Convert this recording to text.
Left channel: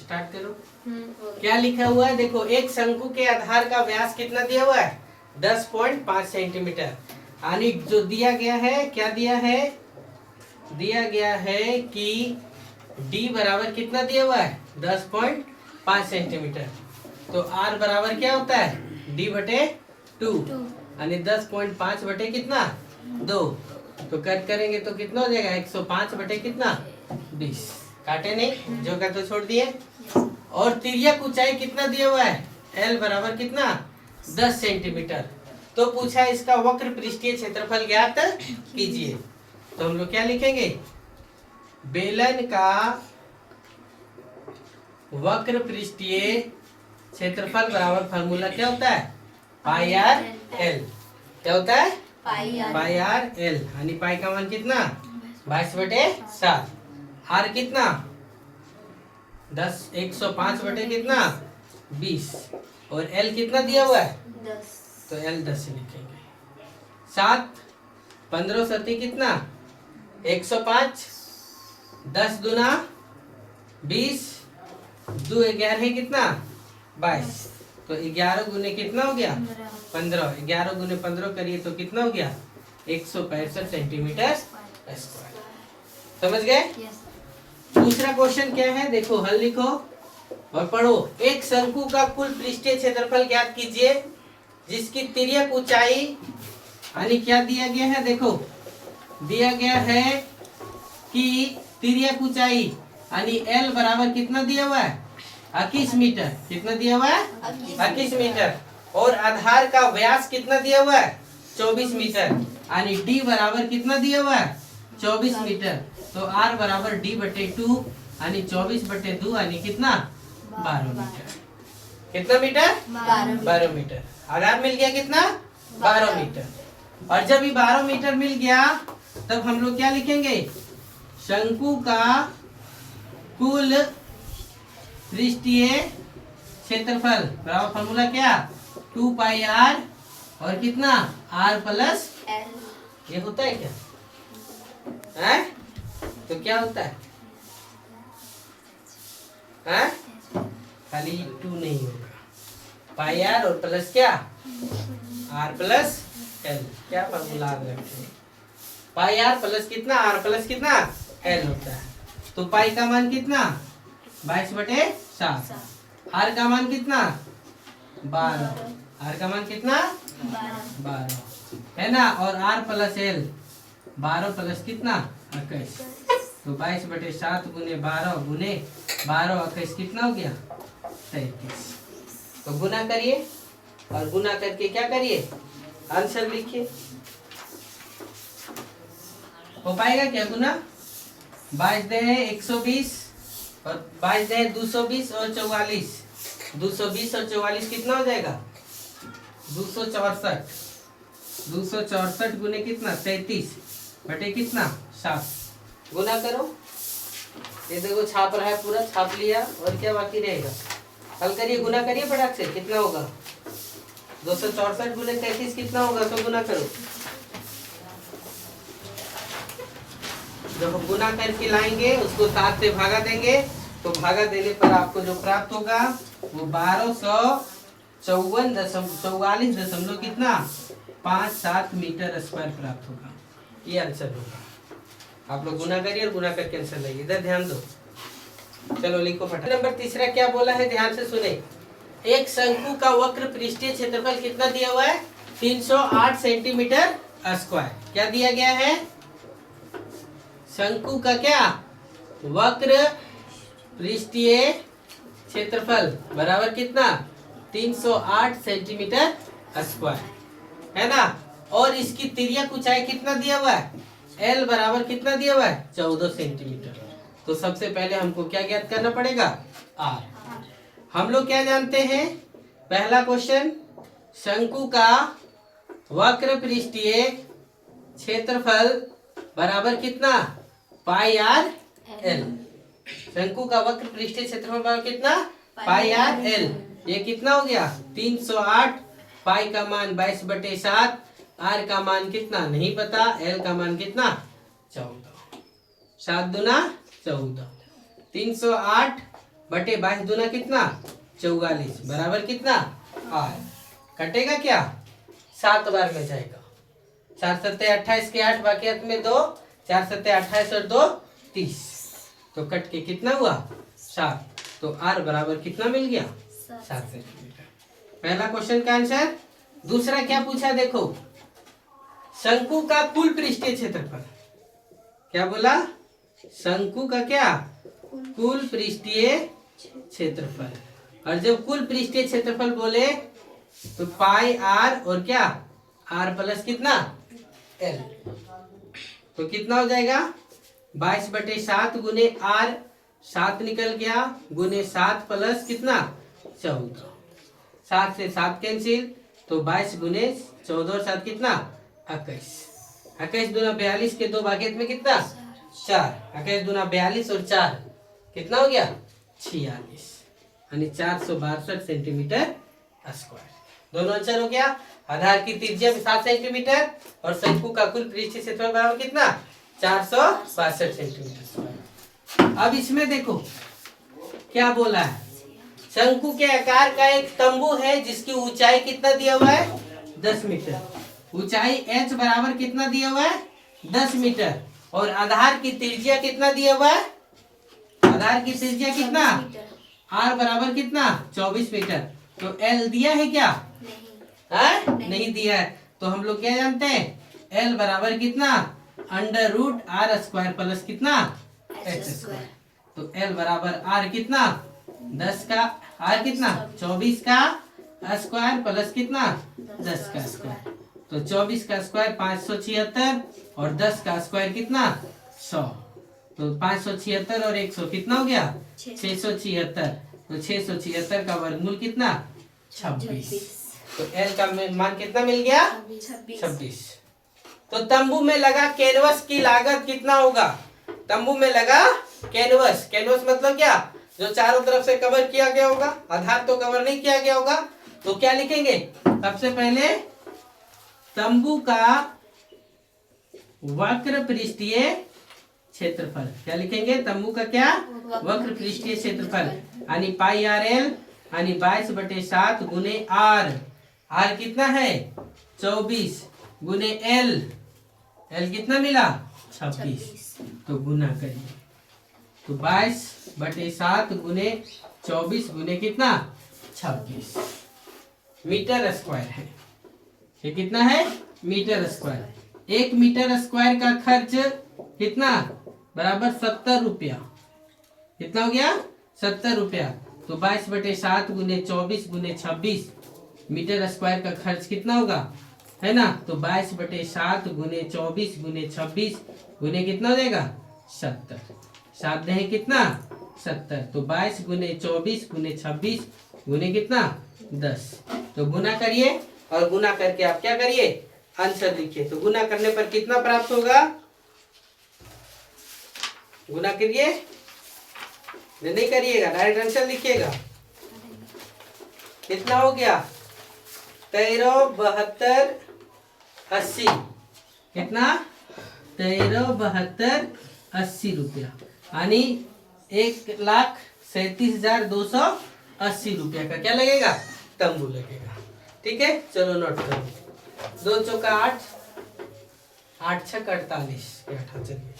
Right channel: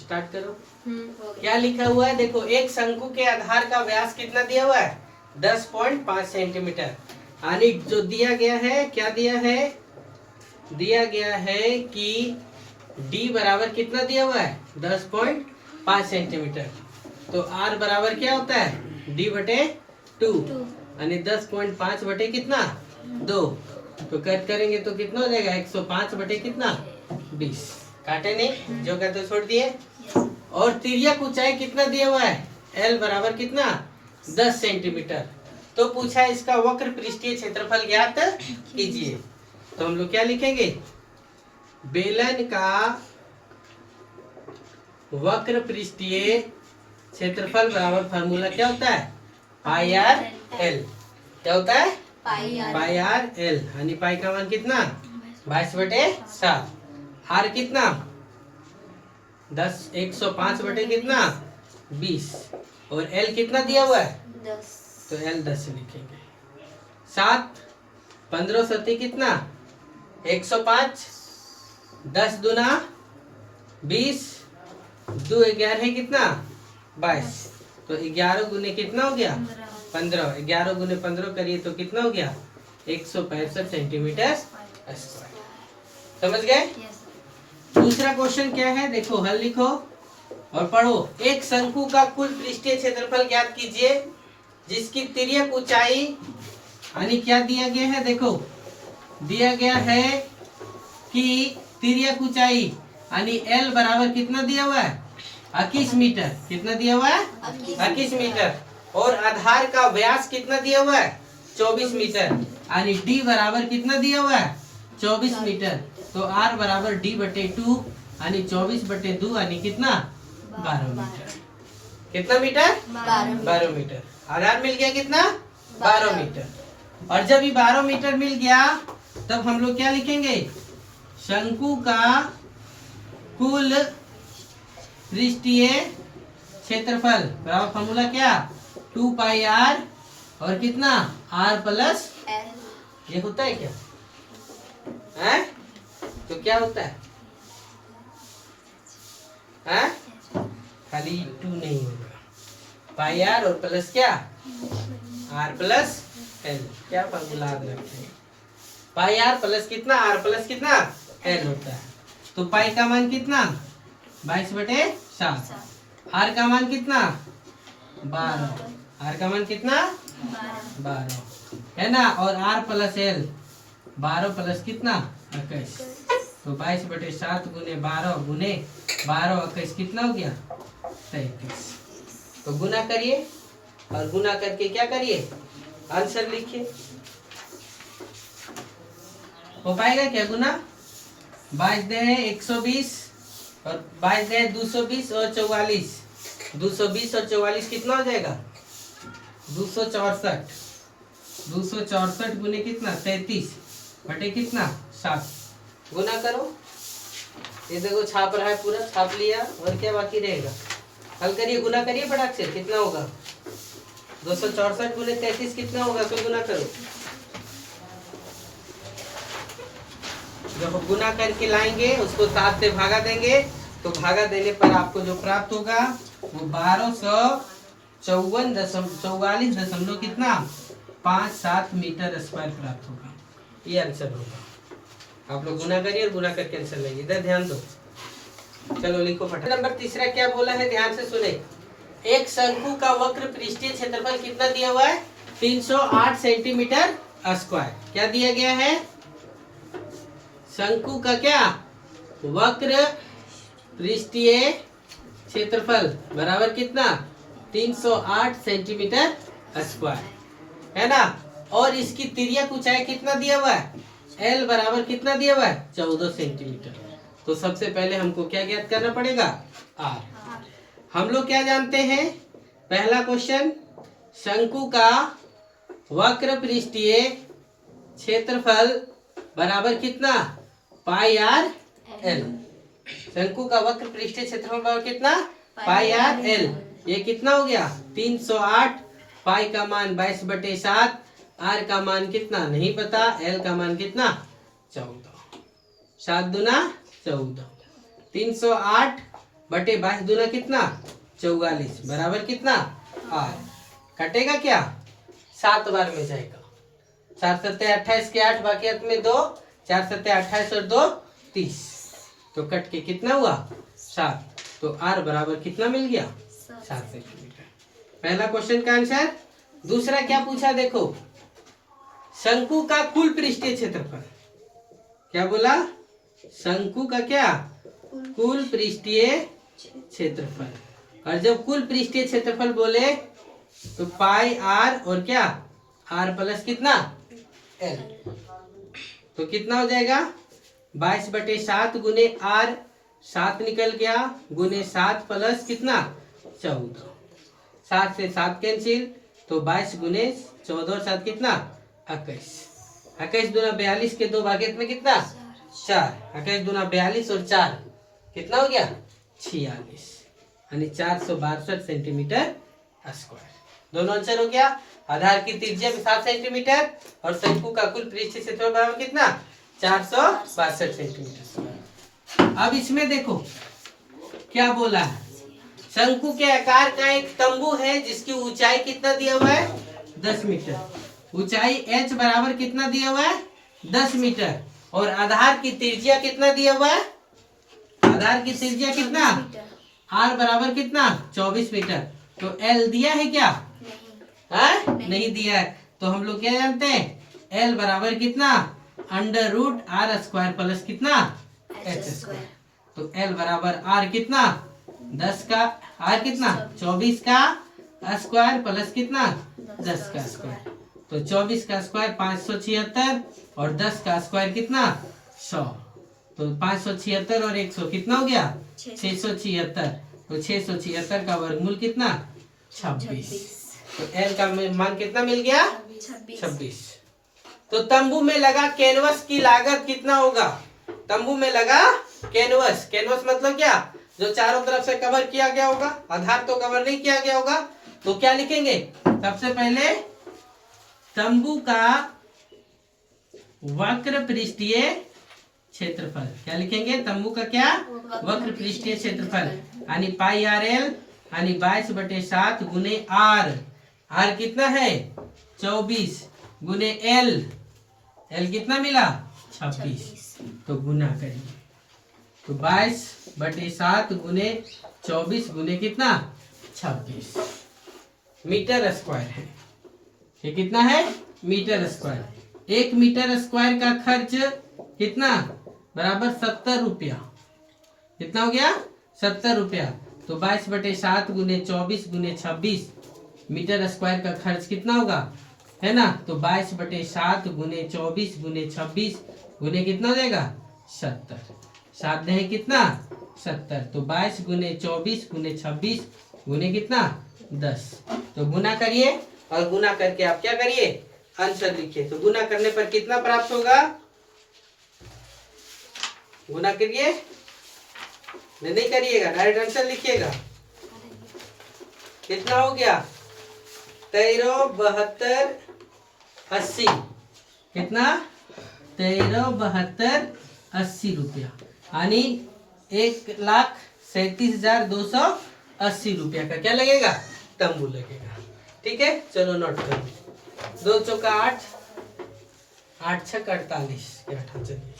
Start करो। क्या लिखा हुआ है देखो, एक शंकु के आधार का व्यास कितना दिया हुआ है 10.5 सेंटीमीटर। यानी जो दिया गया है, क्या दिया है, दिया गया है कि d बराबर कितना दिया हुआ है 10.5 सेंटीमीटर। तो r बराबर क्या होता है d बटे 2 यानी 10.5 बटे कितना 2। तो कट करेंगे तो कितना हो जाएगा 105 बटे कितना 20। काटे नहीं, जो कहते छोड़ दिए। और तिर्यक ऊंचाई कितना दिया हुआ है l बराबर कितना 10 सेंटीमीटर। तो पूछा इसका वक्र पृष्ठीय क्षेत्रफल ज्ञात कीजिए। तो हम लोग क्या लिखेंगे, बेलन का वक्र पृष्ठीय क्षेत्रफल बराबर फार्मूला क्या होता है पाई आर एल। क्या होता है पाई आर एल। यानी पाई का मान कितना 22/7। आर कितना 105 बटे कितना 20 और एल कितना दिया हुआ है 10। तो एल 10 लिखेंगे। 7 15 सती कितना 105, 10 दूना 20, 2 11 कितना 22। तो 11 गुने कितना हो गया 15। 11 गुने 15 करिए तो कितना हो गया 165 सेंटीमीटर स्क्वायर। समझ गए। दूसरा क्वेश्चन क्या है देखो, हल लिखो और पढ़ो। एक शंकु का कुल पृष्ठीय क्षेत्रफल ज्ञात कीजिए जिसकी तिर्यक ऊंचाई, यानी क्या दिया गया है देखो, दिया गया है कि तिर्यक ऊंचाई यानी l बराबर कितना दिया हुआ है 21 मीटर। कितना दिया हुआ है 21 मीटर। और आधार का व्यास कितना दिया हुआ है 24 मीटर। यानी d बराबर कितना दिया हुआ है 24 मीटर। तो r बराबर d बटे 2 यानी 24 बटे 2 यानी कितना 12 मीटर। कितना मीटर 12 मीटर। आधार मिल गया कितना 12 मीटर। और जब ये 12 मीटर मिल गया तब हम लोग क्या लिखेंगे, शंकु का कुल पृष्ठीय क्षेत्रफल बराबर फॉर्मूला क्या 2 पाई आर और कितना r प्लस ये होता है क्या है? तो क्या होता है खाली 2 नहीं होगा, पाई आर और प्लस क्या r प्लस l। क्या फॉर्मूला आप रखते हैं पाई आर प्लस कितना r प्लस कितना l होता है। तो पाई का मान कितना 22/7, r का मान कितना 12, r का मान कितना 12 है ना। और r प्लस l 12 प्लस कितना 21। तो 22/7 गुने 12 गुने 12 21 कितना हो गया 33। तो गुना करिए और गुना करके क्या करिए आंसर लिखिए। हो पाएगा क्या गुना 22 दे 120 और 22 दे 220 और 44। 220 और 44 कितना हो जाएगा 264। 264 गुने कितना 33 बटे कितना 7। गुना करो। ये देखो छाप रहा है पूरा, छाप लिया और क्या बाकी रहेगा। हल करिए, गुना करिए फटाक से। कितना होगा 264 गुने 33 कितना होगा, तो गुना करो। जब गुना करके लाएंगे उसको 7 से भागा देंगे तो भागा देने पर आपको जो प्राप्त होगा वो 1254 दशमलव कितना 57 मीटर स्क्वायर प्राप्त होगा। ये आंसर होगा। आप लोग गुना करिए और गुना करके आंसर लाइए। इधर ध्यान दो। चलो लिखो फटाफट। नंबर तीसरा क्या बोला है ध्यान से सुने। एक शंकु का वक्र पृष्ठीय क्षेत्रफल कितना दिया हुआ है 308 सेंटीमीटर स्क्वायर। क्या दिया गया है शंकु का क्या वक्र पृष्ठीय क्षेत्रफल बराबर कितना 308 सेंटीमीटर स्क्वायर है ना। और इसकी तिर्यक ऊंचाई कितना दिया हुआ है l बराबर कितना दिया हुआ है 14 सेंटीमीटर। तो सबसे पहले हमको क्या ज्ञात करना पड़ेगा r। हम लोग क्या जानते हैं, पहला क्वेश्चन शंकु का वक्र पृष्ठीय क्षेत्रफल बराबर कितना पाई आर एल। शंकु का वक्र पृष्ठीय क्षेत्रफल बराबर कितना पाई आर एल। ये कितना हो गया 308। पाई का मान 22/7, आर का मान कितना नहीं पता, एल का मान कितना 14। 7 दूना 14। 308 बटे 22 दूना कितना 44 बराबर कितना आर। कटेगा क्या 7 बार में जाएगा। 4 सत्ते 28 के 8 बाकी हाथ में 2, 4 सत्ते 28 और 2 30, तो कट के कितना हुआ 7। तो आर बराबर कितना मिल गया 7 सेंटीमीटर। पहला क्वेश्चन का आंसर। दूसरा क्या पूछा देखो, शंकु का कुल पृष्ठीय क्षेत्रफल। क्या बोला, शंकु का क्या कुल पृष्ठीय क्षेत्रफल। और जब कुल पृष्ठीय क्षेत्रफल बोले तो पाई आर और क्या आर प्लस कितना एल, तो कितना हो जाएगा 22/7 गुने आर, 7 निकल गया गुने 7 प्लस कितना 14, 7 से 7 कैंसिल, तो 22 गुने 14 और 7 कितना 21, 21 दूना 42 के 2 भागेत में कितना 4, 21 दूना 42 और 4 कितना हो गया 46, यानी 462 सेंटीमीटर स्क्वायर। दोनों आंसर हो गया। आधार की त्रिज्या 7 सेंटीमीटर और शंकु का कुल पृष्ठीय क्षेत्रफल बराबर कितना 462 सेंटीमीटर स्क्वायर। अब इसमें देखो क्या बोला है, शंकु के आकार का एक तंबू है जिसकी ऊंचाई कितना दिया हुआ है 10 मीटर, ऊंचाई h बराबर कितना दिया हुआ है 10 मीटर, और आधार की त्रिज्या कितना दिया हुआ है, आधार की त्रिज्या कितना r बराबर कितना 24 मीटर। तो l दिया है क्या नहीं दिया है, तो हम लोग क्या जानते हैं l बराबर कितना √r² प्लस कितना h²। तो l बराबर r कितना 10 का r कितना 24 का स्क्वायर प्लस कितना 10 का स्क्वायर, तो 24 का स्क्वायर 576 और 10 का स्क्वायर कितना 100, तो 576 और 100 कितना हो गया 676, तो 676 का वर्गमूल कितना 26, तो L का मान कितना मिल गया 26। तो तंबू में लगा कैनवस की लागत कितना होगा, तंबू में लगा कैनवस, कैनवस मतलब क्या जो चारों तरफ से कवर किया गया होगा, आधार तो कवर नहीं किया गया होगा, तो क्या लिखेंगे सबसे पहले तंबू का वक्र पृष्ठीय क्षेत्रफल। क्या लिखेंगे तंबू का क्या वक्र पृष्ठीय क्षेत्रफल, यानी पाई आर एल यानी 22/7 गुने आर, आर कितना है 24 गुने एल, एल कितना मिला 26, तो गुना करिए, तो 22/7 गुने 24 गुने कितना 26 मीटर स्क्वायर है। ये कितना है मीटर स्क्वायर। 1 मीटर स्क्वायर का खर्च कितना बराबर 70 रुपया, कितना हो गया 70 रुपया, तो 22/7 गुने 24 गुने 26 मीटर स्क्वायर का खर्च कितना होगा है ना, तो 22/7 गुने 24 गुने 26 गुने कितना हो जाएगा 70, 7 है कितना 70, तो 22 गुने 24 गुने 26 गुने कितना 10, तो गुना करिए और गुना करके आप क्या करिए आंसर लिखिए। तो गुना करने पर कितना प्राप्त होगा, गुना करिए नहीं करिएगा डायरेक्ट आंसर लिखिएगा। कितना हो गया 13, 72, 80, कितना 13, 72, 80 रुपया, यानी 1,37,280 रुपया का क्या लगेगा तंबू लगेगा। ठीक है चलो नोट करो, 2 चौका 8, 8 छक 48, चलिए